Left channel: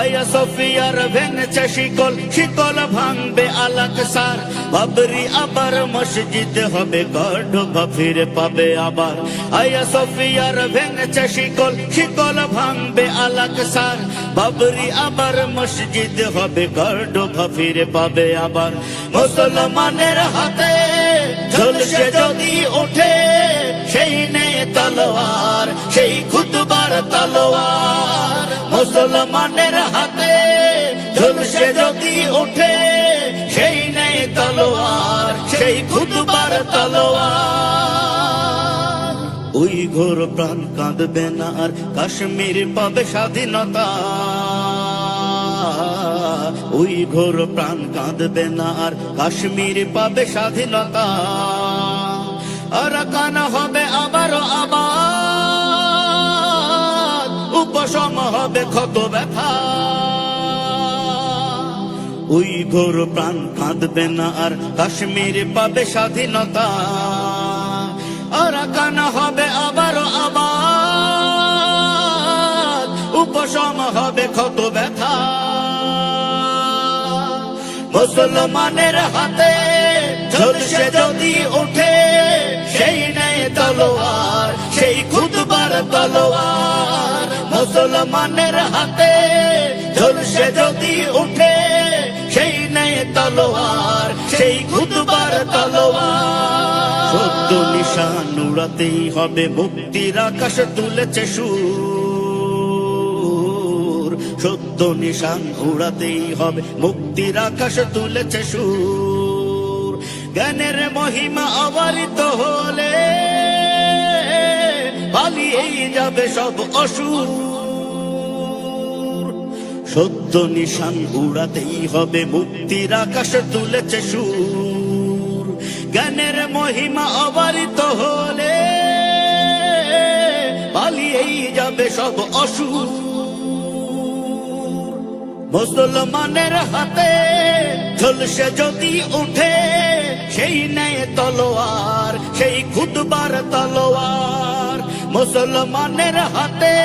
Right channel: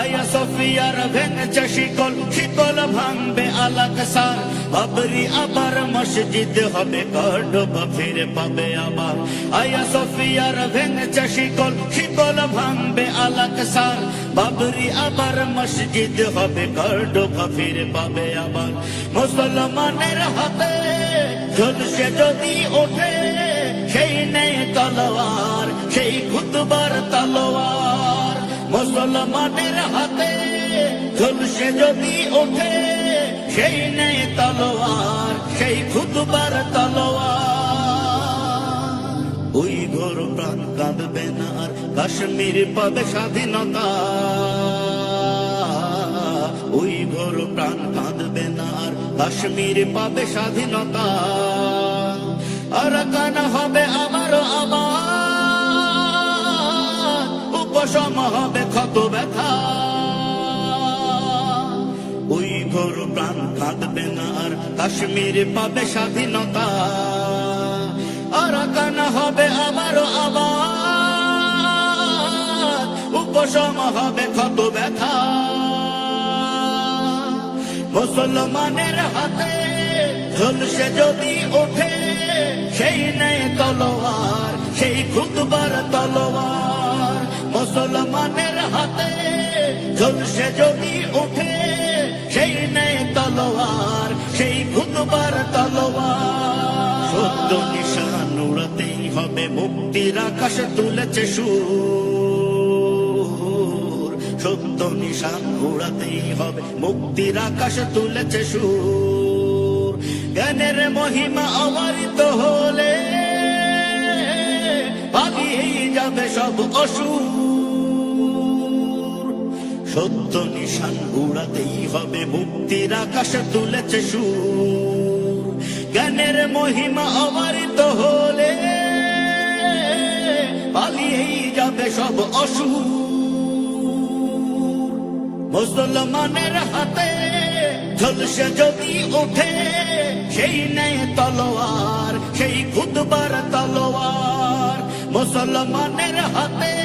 আয়া সফিয়ার ভেঙেছে শিকল শিকল ভাঙবে আলাক সার বাবরি আবার মসজিদ হবে গর্ভ ফিরে পাবে আবার। আয়া সফিয়ার ভেঙেছে শিকল শিকল ভাঙবে আলাক সার বাবরি আবার মসজিদ হবে গর্ভ ফিরে পাবে আবার। মুসলমানের হাতে ঝলসে যদি ওঠে সেই নেই তলোয়ার, সেই খুদবার তলোয়ার। মুসলমানের হাতে ঝুলসে যদি ওঠে, সেই নেই তলোয়ার, সেই খুদবার তলোয়ার। ওই ঘোর প্রাণ কাঁদবে না আর কাশ্মীর পাবে স্বাধীনতা। ওই ঘোর প্রাণ কাঁদবে না আর কাশ্মীর পাবে স্বাধীনতা। আর হবে আবারও আবার উপশম হবে ক্ষত ব্যথা। ওই ঘোর প্রাণ কাঁদবে না আর কাশ্মীর পাবে স্বাধীনতা। আর কানা হবে আবারও আবার উপশম হবে ক্ষত ব্যথা। মুসলমানের হাতে ঝলসে যদি ওঠে সেই নেই তলোয়ার, সেই খুদবার তলোয়ার। মুসলমানের হাতে ঝলসে যদি ওঠে, সেই নেই তলোয়ার, সেই খুদবার তলোয়ার। সত্য নিশান উড়াতেই হবে মুক্তির আকাশ, তুলেছে সুর। সত্য নিশান উড়াতেই হবে মুক্তির আকাশ, তুলেছে সুর। জ্ঞানের মহিমা অবারিত হলে পালিয়েই যাবে সব অসুর। সত্য নিশান উড়াতেই হবে, মুক্তির আকাশ তুলেছে সুর। জ্ঞানের মহিমা অবারিত হলে পালিয়েই যাবে সব অসুর। মুসলমানের হাতে ঝলসে যদি উঠে সেই নেয় তলোয়ার, সেই খুদবার তলোয়ার। মুসলমানের হাতে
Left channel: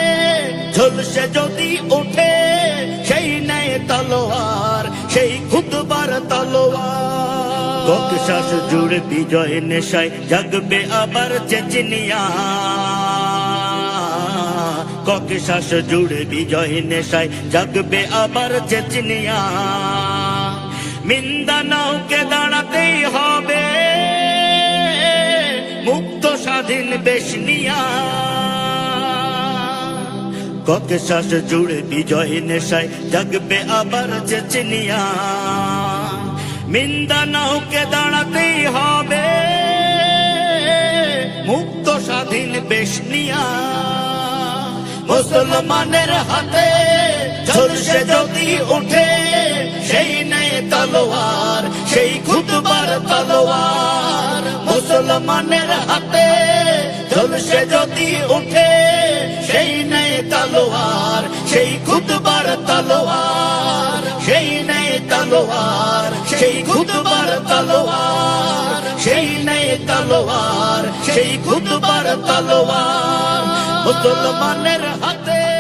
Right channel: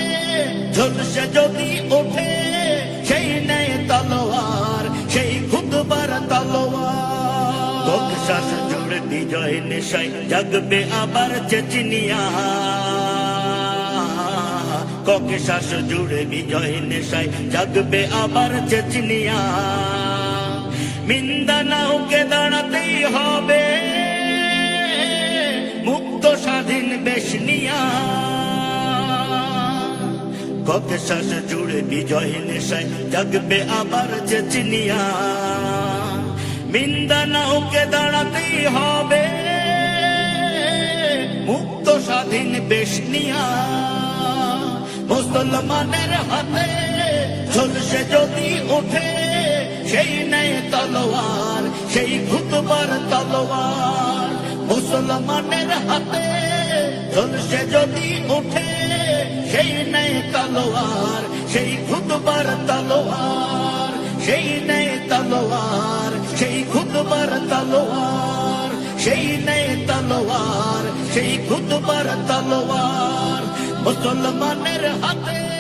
ঝলসে যদি উঠে সেই নেয় তলোয়ার, সেই খুদবার তলোয়ার। ককশাস জুড়ে বিজয় নেশায় জাগবে আবার চেচনিয়া। ককে শ্বাস জুড়ে বিজয় নেশায় জাগবে আবার চেচনিয়া। মিন্দা নাওকে দাঁড়াতেই হবে। মুক্ত স্বাধীন বেশনিয়া। ককে শ্বাস জুড়ে বিজয় নেশায় জাগবে আবার চেচনিয়া। মিন্দা নাওকে দাঁড়াতেই হবে। মুক্ত স্বাধীন বেশনিয়া। মুসলমানের হাতে ঝলসে যদি ওঠে সেই নেই তলোয়ার, সেই খুদবার তলোয়ার। মুসলমানের হাতে ঝলসে যদি ওঠে, সেই নেই তলোয়ার, সেই খুদবার তলোয়ার। সেই নেই তলোয়ার, সেই খুদবার তলোয়ার। সেই নেই তলোয়ার, সেই খুদবার তলোয়ার। মুসলমানের হাতে